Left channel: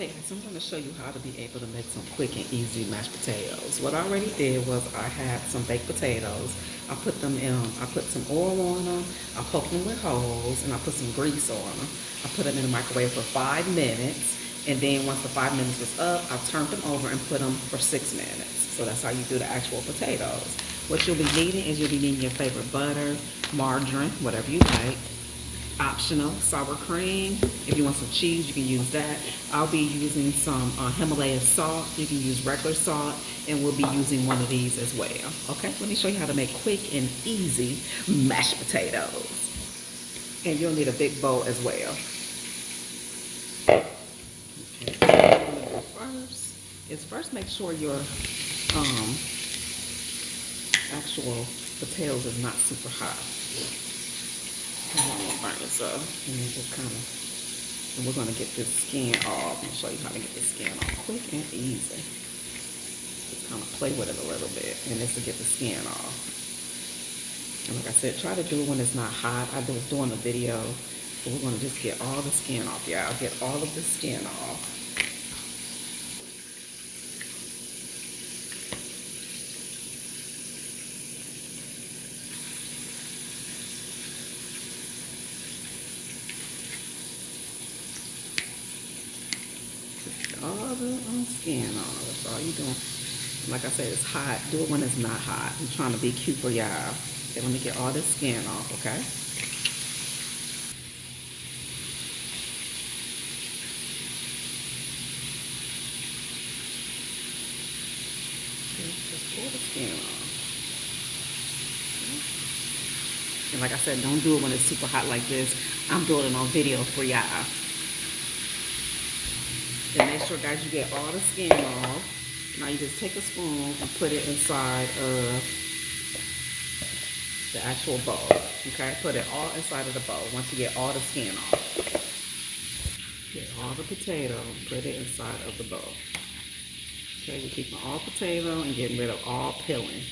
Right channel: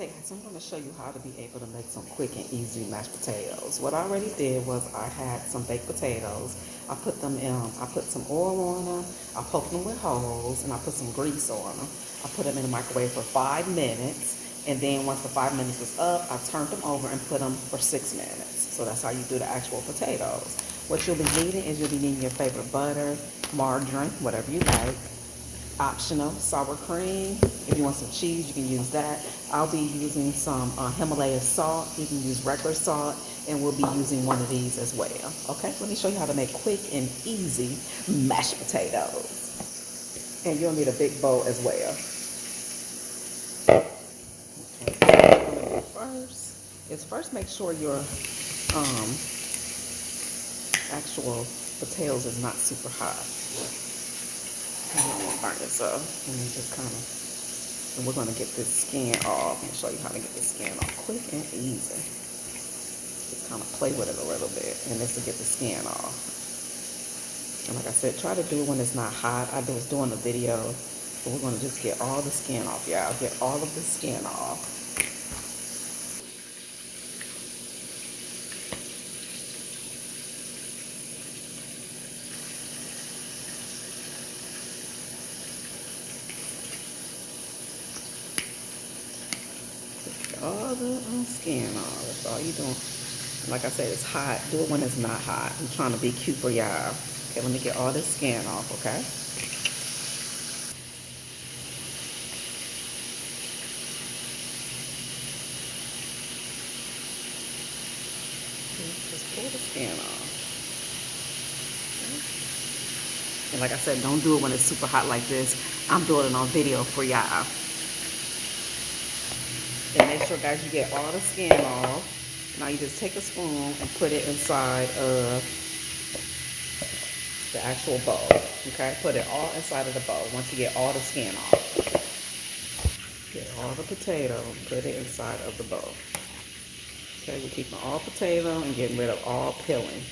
Okay, so I'm going to show you how to be able to make some quick and easy mashed potatoes. What I already did was I had some baked potatoes. I put them in, I put some oil on them, I poked them with holes, and I put some grease on them. I put them in the microwave for 5 minutes, and then once the 5 minutes was up, I turned them over and put them for 6 minutes. So that's how you do the actual potatoes. What you'll be needing is you'll be needing your favorite butter, margarine, whatever you like, optional sour cream. If you want some cheese, you can use that. I'll be using some Himalaya salt. You can use regular salt, and we'll be using one of these as well. Okay, let me show you how to make quick and easy mashed potatoes. And you'll need a big bowl as well. Okay, what I'm gonna do first make sure your actual potatoes is not super hot. I don't want to burn this up. And then just kind of, and we're going to get this skin off. I'm going to show you how to get the skin off quick and easy. Just kind of play with it a little bit, and this to get the skin off. And like I said, try to do it when it's not hot. I was doing the video, but we're going to just get all the skin off, y'all. Get all of the skin off. All the skin off. That's all you're doing. Like I said, it's hot. Do it when it's not hot. I'm trying to be cute for y'all. Okay, let me get all this skin off, okay? Just pull the skin off. And like I said, don't do it when it's super hot like this. I'm doing it on video for y'all. And make sure, guys, you get all the skin off. Now you just take a spoon and put it inside of the actual bowl. Okay, put it all inside of the bowl once you get all the skin off. Get all the potato and put it inside of the bowl. Okay, we're keeping all potato and getting rid of all peeling.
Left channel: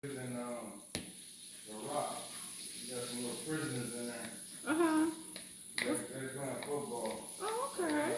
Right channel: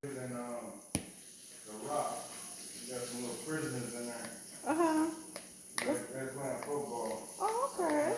In the Rock, you got some little prisoners in there. Uh-huh. They're playing football. Oh, okay.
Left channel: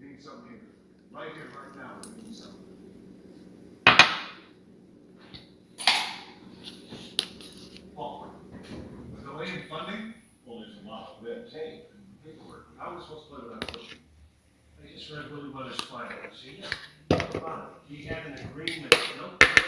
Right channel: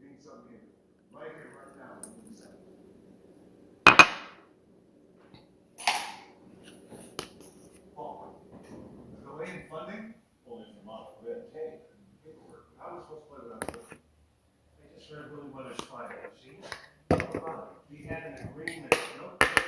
Need something right here, right now. We need something. Paul, delay in funding? Well, there's a lot of red tape and paperwork. How are we supposed to play without pushing? I just read Willie Weathers' file. See? He had an agreement. Nope.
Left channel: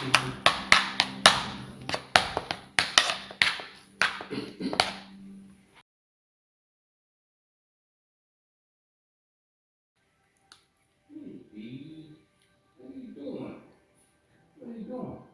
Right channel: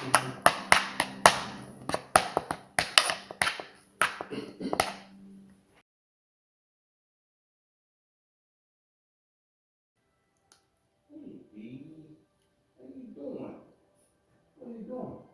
Hey, Dee, what are you doing? What are you doing?